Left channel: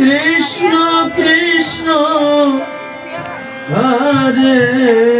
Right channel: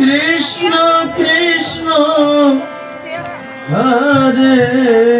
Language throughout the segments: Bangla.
Krishna Krishna Hare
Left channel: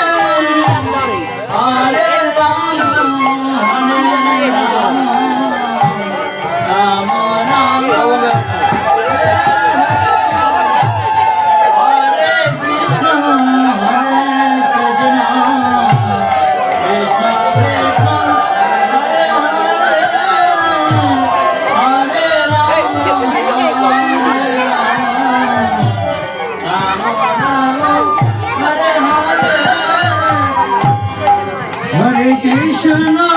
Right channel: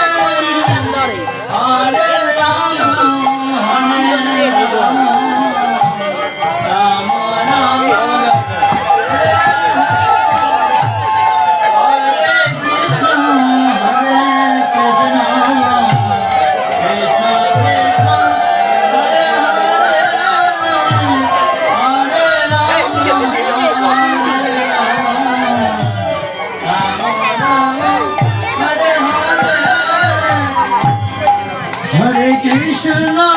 Krishna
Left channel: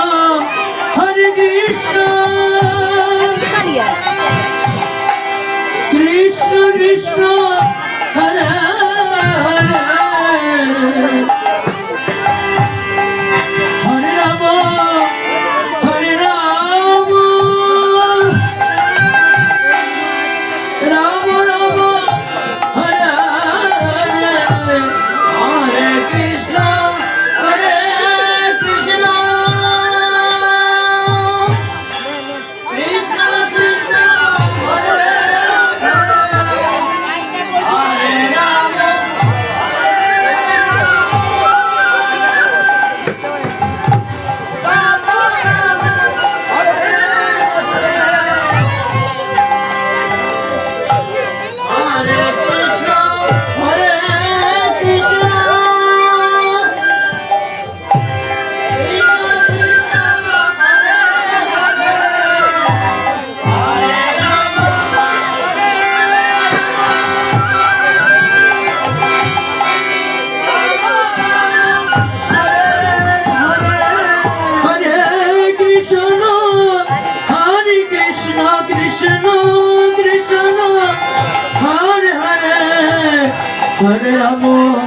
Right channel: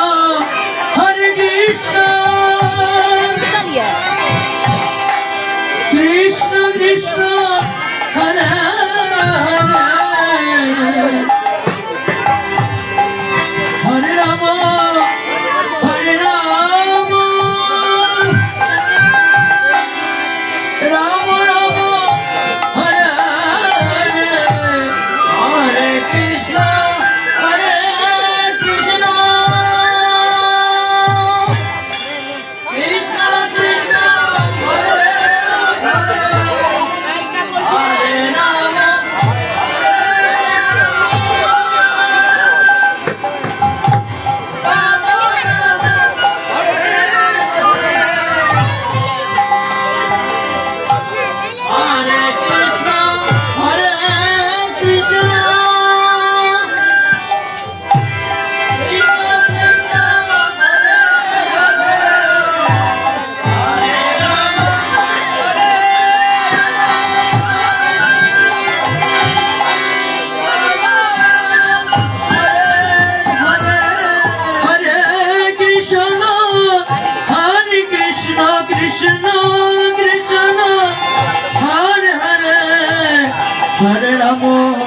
Hare Ramo,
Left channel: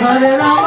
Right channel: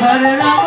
Hare Ramo.